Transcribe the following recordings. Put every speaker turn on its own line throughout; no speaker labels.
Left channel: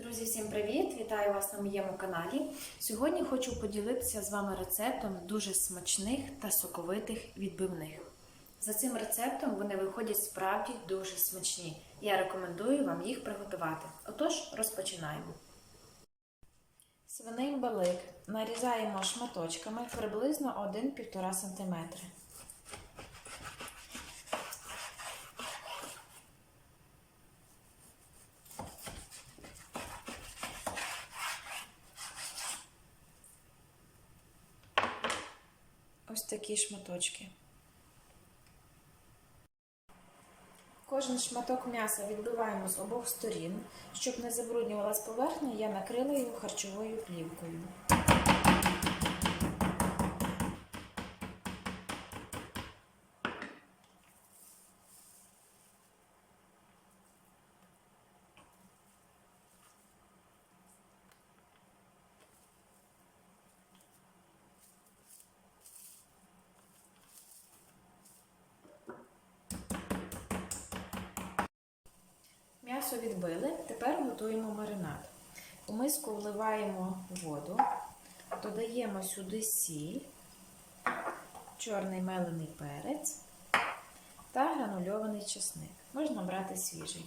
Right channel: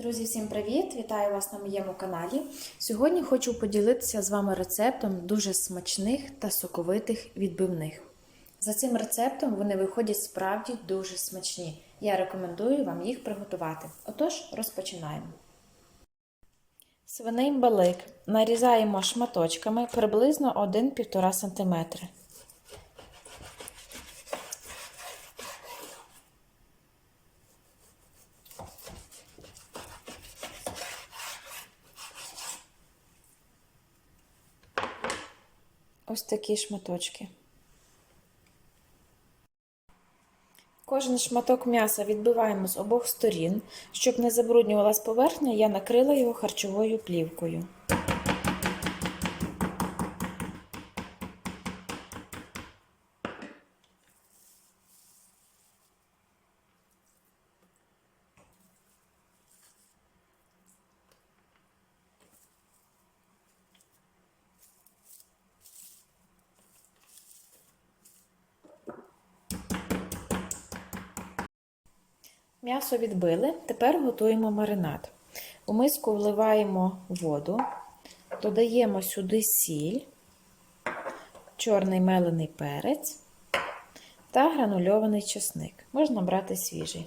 Друзі, всім привіт! Вітаю вас на моєму каналі. Сьогодні хочу поділитися з вами рецептом дуже смачних та соковитих відбивних. За цим рецептом вони виходять справді дуже смачні. Я рекомендую вам їх приготувати. Отож, розпочинаємо. Свиний балик нарізаємо шматочками приблизно 1-1,5 см. Ось такі шматочки. Кожен шматок м'яса відбиваємо з обох сторін. Щоб не забруднювалась поверхня, я накрила його харчовою плівкою. М'ясо відбили, тепер готуємо маринад. У миску вливаємо воду, додаємо сюди сіль, чорний мелений перець та гранульований чесник. Можна брати свіжий.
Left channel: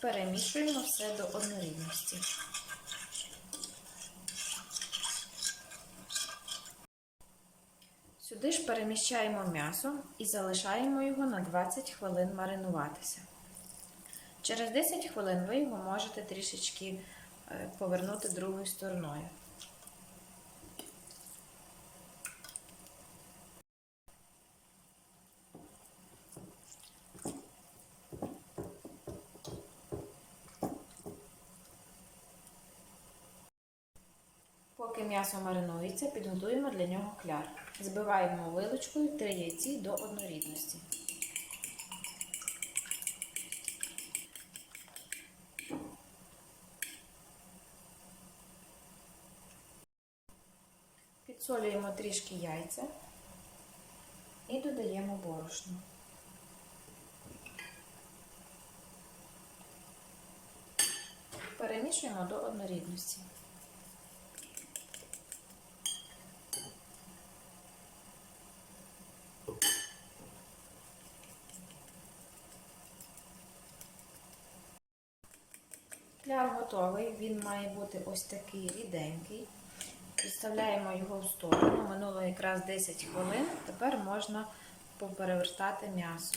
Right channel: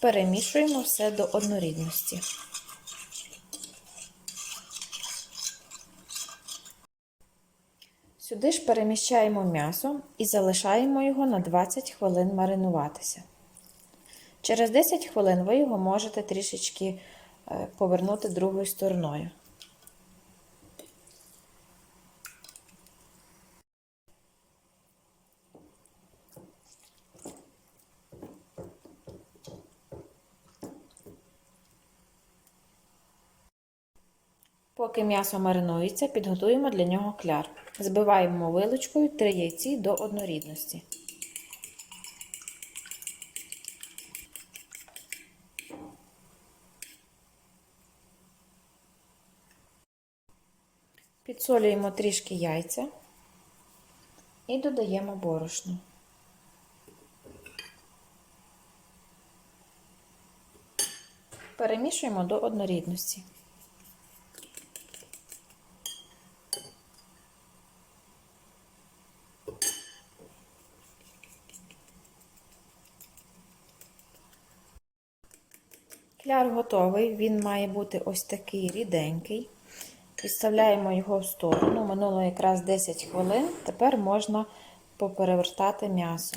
Перемішуємо все до однорідності. Сюди ж переміщаємо м'ясо і залишаємо його на 20 хвилин маринуватися. Через 10 хвилин ви його можете трішечки е, повернути другою стороною. Поки м'ясо маринується, підготуємо для нього кляр. Збиваємо вилочкою 3 яйці до однорідності. Підсолюємо трішки яйця і додаємо борошно. Перемішуємо до однорідності. Кляр готовий, він має бути ось такий ріденький. Підставляємо його в сторону. Минуло якраз 10 хвилин. Тепер можна поперевертати м'ясо.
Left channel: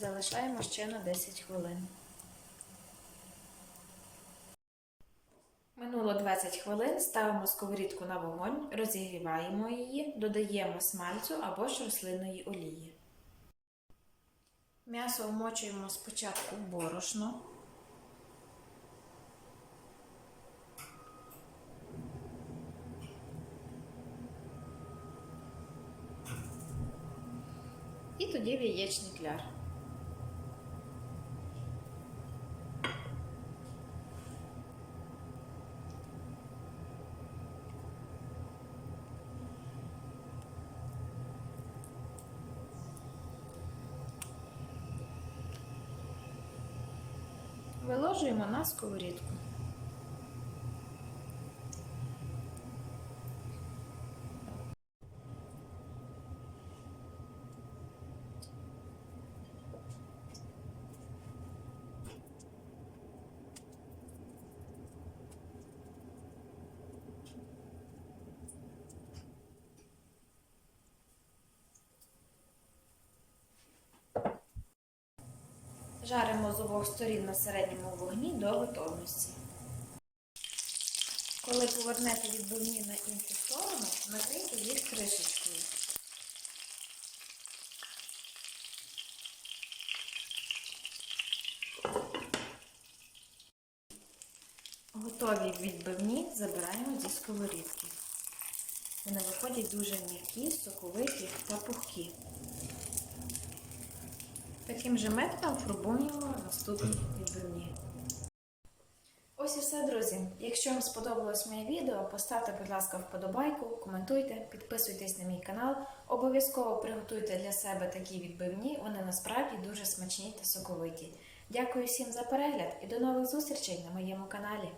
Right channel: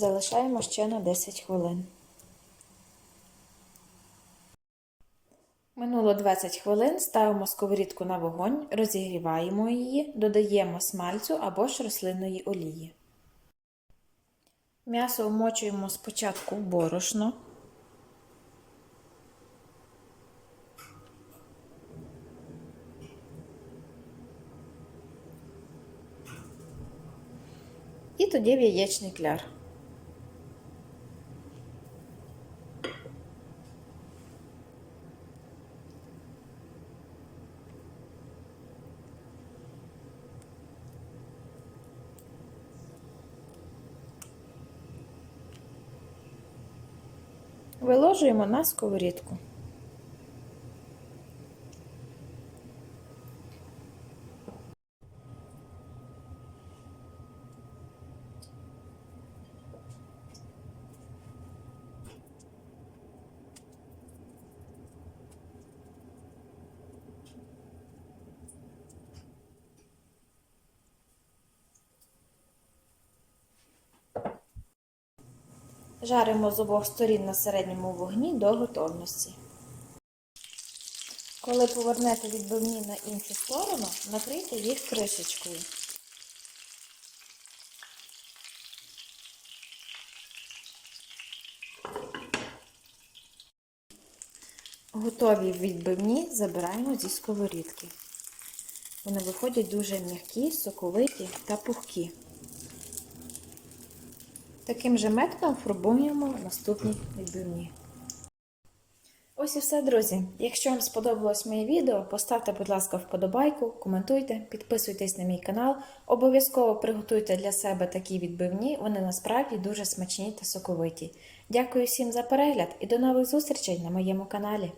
Залишаємо ще на 10 хвилин. Минуло 20 хвилин, ставимо сковорідку на вогонь, розігріваємо її, додаємо смальцю або ж рослинної олії. М'ясо вмочуємо спочатку в борошно. І тоді в яєчний кляр. Виложуємо на сковорідку. Жаримо з обох сторін на середньому вогні до готовності. Коли повернете відбивні на іншу сторону, накрийте їх кришечкою. Готові відбивні забираємо зі сковорідки. Вони виходять дуже м'які, соковиті та пухкі. Таким же методом фарбуємо наступні відбивні. Ось і все, друзі. Якщо вам сподобалось моє відео, поставте, будь ласка, вподобайку, коментуйте, підписуйтесь на мій канал. Обов'язково приготуйте для себе такі відбивні, вони насправді дуже смачні та соковиті. Дякую всім за перегляд і до нових зустрічей на моєму каналі.